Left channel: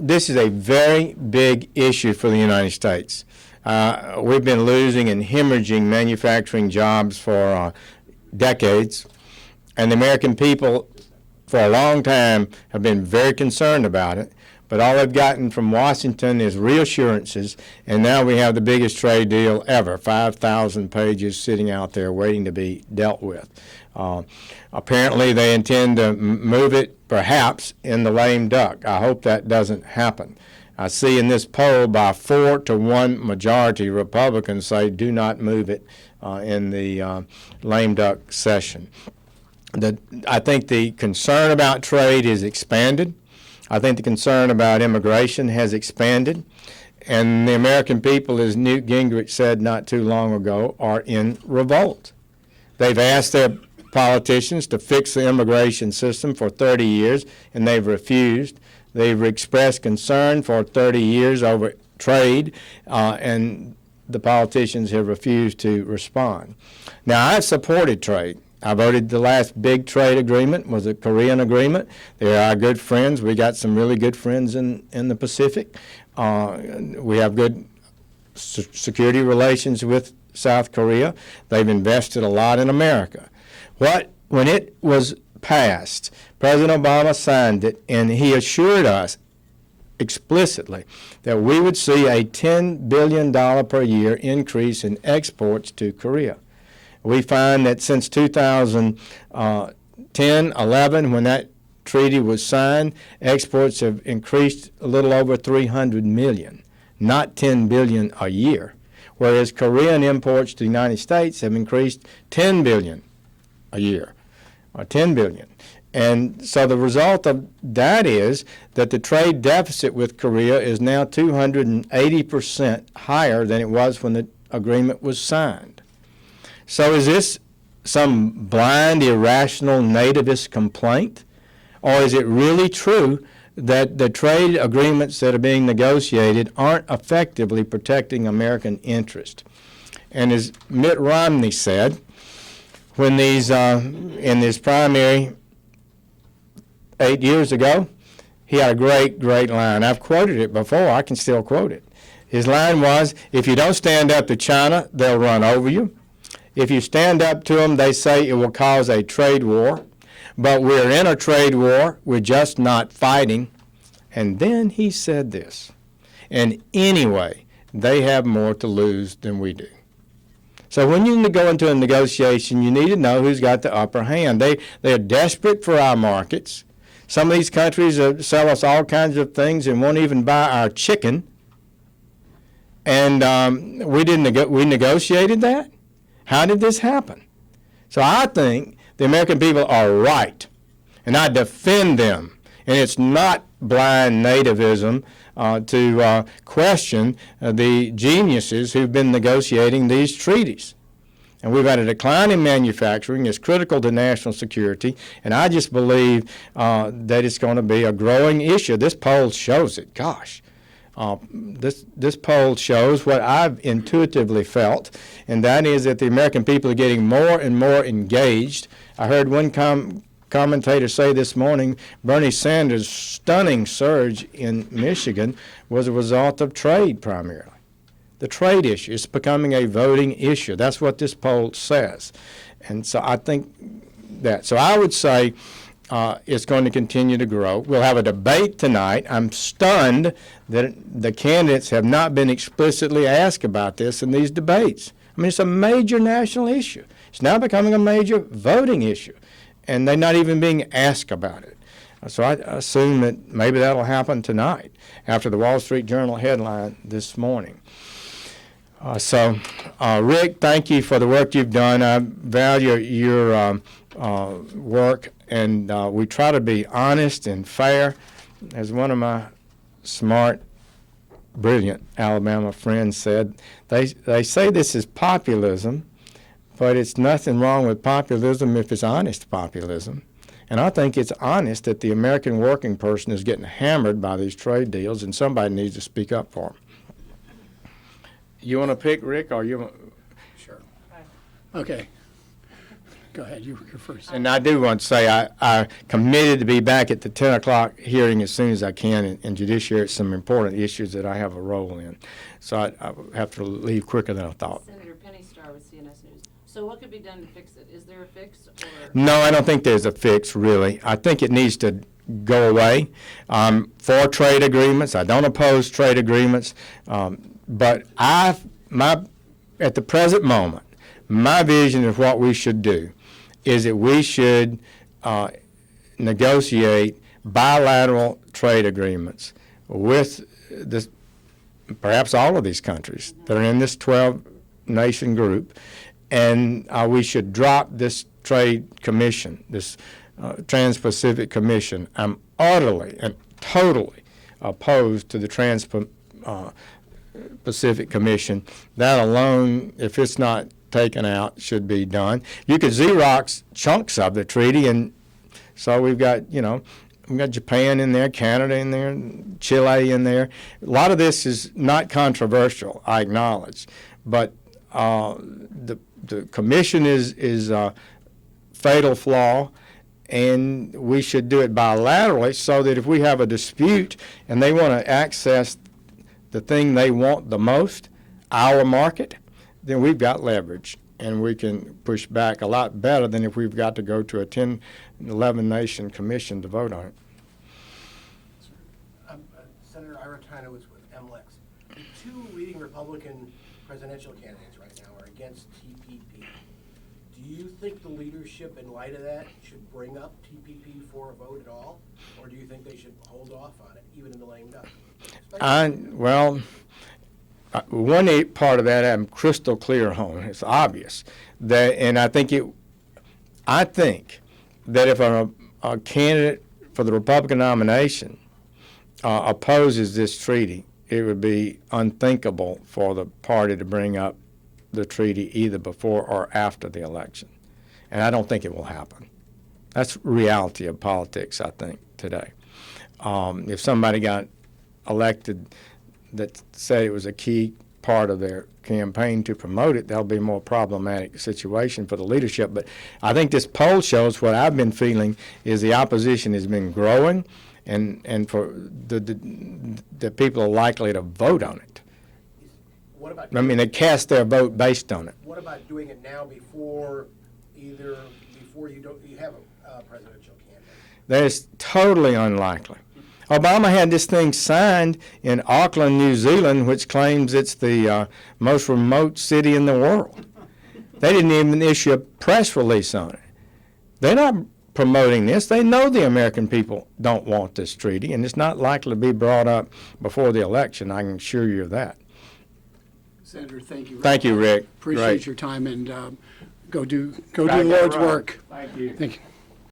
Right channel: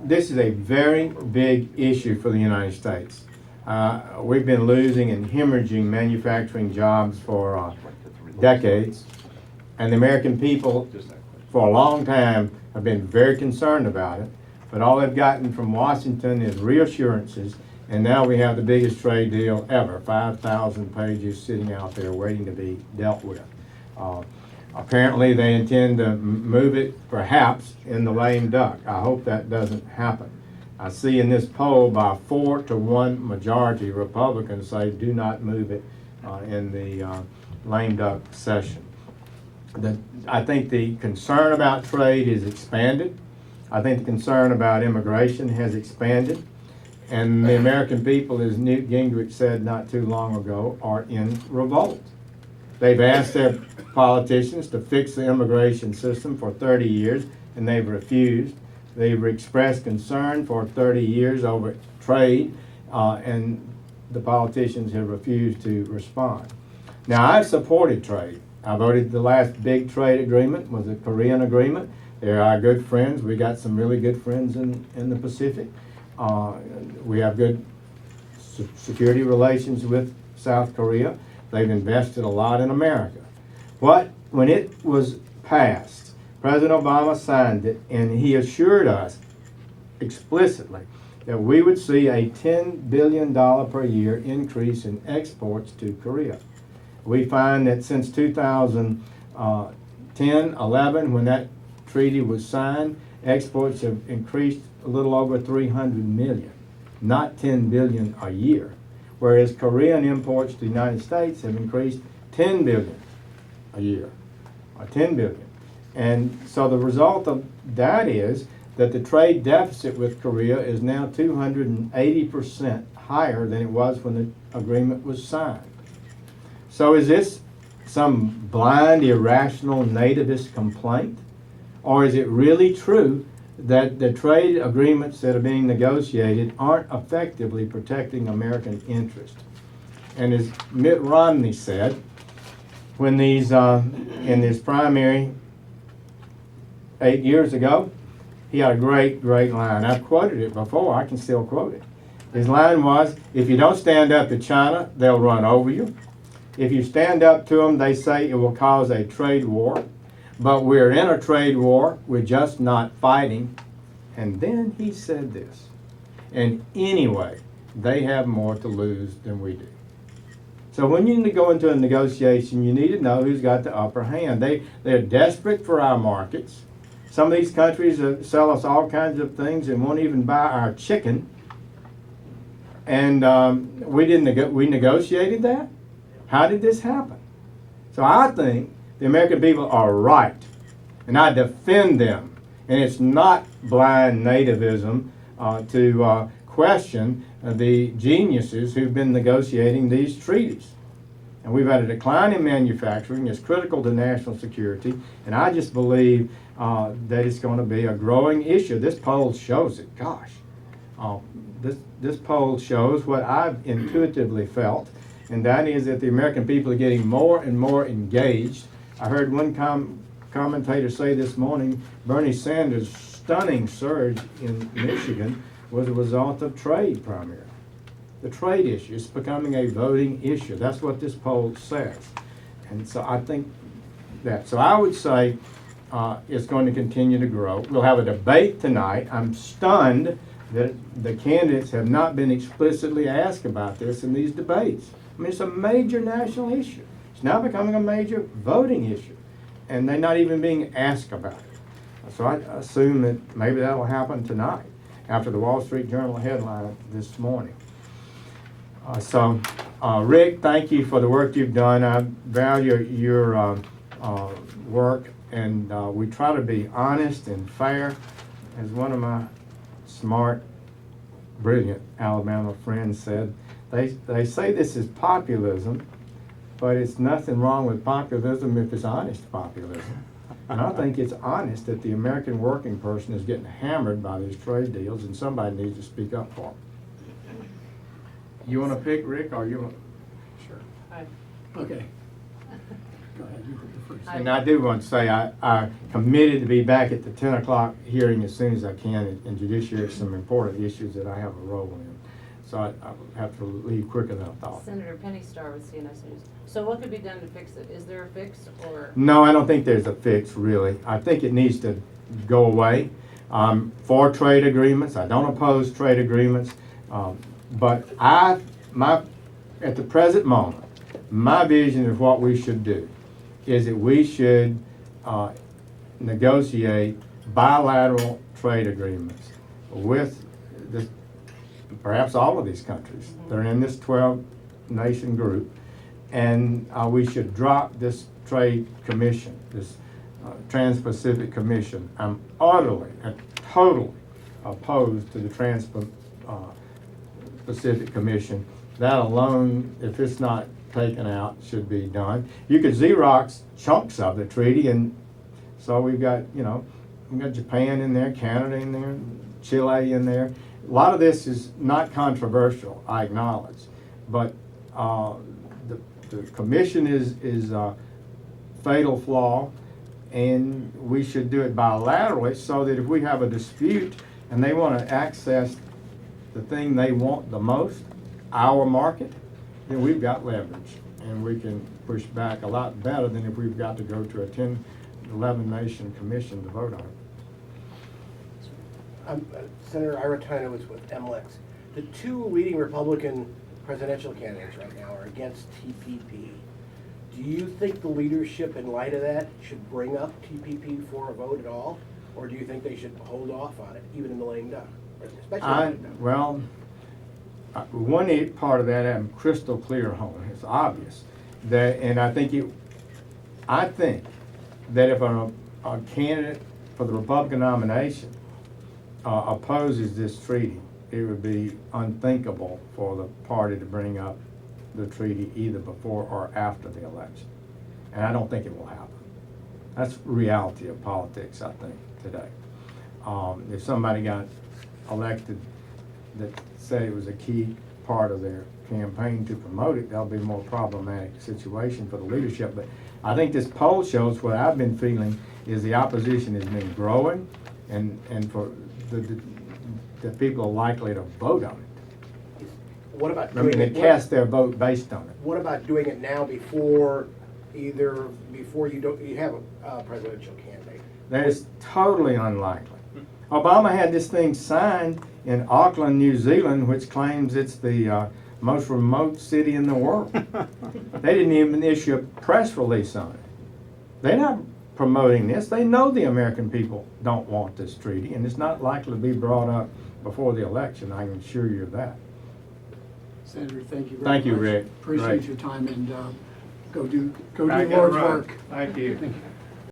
this is a very big issue for the United States. We've been losing and hemorrhaging manufacturing jobs for decades, and the American people for a long time have been very concerned about it, but all they've gotten from Washington is reassurances, and now we have the biggest trade deal ever, 5,000 pages sitting out there waiting to be dealt with. Apparently they intend to move it perhaps in the lame duck. I hope that doesn't happen. I see in this poll by 4-1 majority Republicans say do not move it in the lame duck session. I think the concern about trade is expanded. I think the concern about immigration has expanded. And the American people, as Newt Gingrich said not too long ago, are in revolt. They've asked their politicians to fix the immigration system for 30 years, and they've refused. They've expressed concern for 30 years over trade, and the politicians have refused to respond. Now, I've supported trade. I voted the last big trade agreement was a Korean agreement. They're our good friends. We got some really good friends in the Pacific. We have good security relations with South Korea. They've invested a lot in America. When it was passed, President Obama signed it, and he assured us explicitly that we would see a $10 billion per year increase in exports to Korea. We find that since 2010-11, when that treaty was signed, exports have increased a little over 300 million, not 10 billion a year, whereas Korean imports to the United States have increased 10 billion a year, or 10 billion. And so the result of that is that the trade deficit with Korea is now 280% higher than it was when the agreement was signed. So is this some blind, irrational, nativist complaint? Or is it really true that the trade agreements that are being negotiated aren't effectively protecting American interest? And as Mitt Romney said, when these, in this primary 8 years ago, he had a great line. I've quoted it before. I can still quote it. His line was, if you don't stand up to China, they'll run over you. If you stand up to them, they say it will cause a trade war. But we're in a trade war. We're just not fighting. And then he said this. And anyway, they have more to lose than we do. So when you go into a negotiation, you need to know who's got the upper hand. They're desperate for our markets. Some of these countries sell us all kinds of things and won't even buy our chicken. And we negotiated that? How did this happen? So I think the American people are right, and I defend them. And it's not blind nativism to question the geniuses who've been negotiating these treaties. And we've had a decline in manufacturing. It's critical to national security, and I just believe that it's going to be a growing issue. This poll shows it. Gosh, this poll shows what I've intuitively felt, and that is that the American people are getting more and more engaged. I heard one commentator say this morning, Bernie Sanders' stunning surge in Michigan was a result of trade primarily. The trade issue is becoming a voting issue. That's what this poll says. And so I think that. So I would say it's going to continue to grow. We'll have a debate tonight. I'm stunned that the candidates have not been explicitly asked about this in these debates. I mean, it's a major national issue. It's now becoming a major voting issue, and they're not even being asked about it. So I assume that maybe that'll happen tonight after the Wall Street Journal headline this morning. Rick, thank you for the work you've done. I value your work, and we try to be honest and fair. As one of my smart, brilliant Alabama friends said, they say this is populism, but it's nothing wrong with populism if it's honest populism. And I think it's honest that the American working person is getting hammered by these trade deals, and somebody needs to speak up for them. You want to pick, Rick, or you want? Sure. Okay. Go ahead, you're first. And I do want to say I committed to be back at the 10 o'clock hearing as soon as I can in judiciary, some important issues that I have a role in. So I have to leave quicker than I thought. Senator Penny Starr with CNS News. So what could be done to fix it? Is there a fix or? No, I don't think there's a fix, really. I think it needs to go away. For trade agreements, I don't oppose trade agreements, but at the present moment, my vision of what we should do is that we should negotiate bilateral trade agreements with perhaps all of these countries that are in this 12-nation group, and we should drop this trade commission, this Trans-Pacific Commission. I'm utterly and totally opposed to the Trans-Pacific Commission. That alone, if it's not taken out, should be done. You could Xerox chunks of the treaty, and so we've got Japan in there, Canada in there, Chile in there. A lot of this is not controversial, I acknowledge, but the commission is a fatal flaw, and we should do it bilaterally so that if we have a dispute and they want to access the thing they want the most, our market, then we've got leverage, and we can push back a lot better than if we've got to go to a 10, 11-nation commission to vote on it. Senator Aratino is with MLEX. The two leading Republican presidential candidates right now are against TPP. Do you think the leadership, in light of that, should bring up TPP for a vote at all? Or do you think they should hold off on it, even in the lame duck? One part of that I'm crystal clear on. It's obvious. And I think that if a candidate for the Republican nomination opposes this treaty, it would be unthinkable for the party to bring up the treaty either before or after the election. And I don't think it will happen. That's reality of politics, I think, today. If somebody got elected that said it was a key part of their campaign to promote it, that'll be a more problematic situation for the leadership. But I think this poll shows what I've been feeling is the opposition has been growing, and for the people are likely to vote on it. What about they cast their vote based on it. What about doing it now before you have a presidential candidate? That is totally unlikely. Obama had this thing signed in Auckland, New Zealand, which claims it's the most remote city in the world. They didn't even issue a press release on it. They're not promoting this. They know the American people don't want this treaty, and it's not likely to be brought up before the election. I can assure you of that. Senator, thank you. Thank you, Rick. Appreciate Great. your time, and go do the Lord's work. Thank you. Thank you.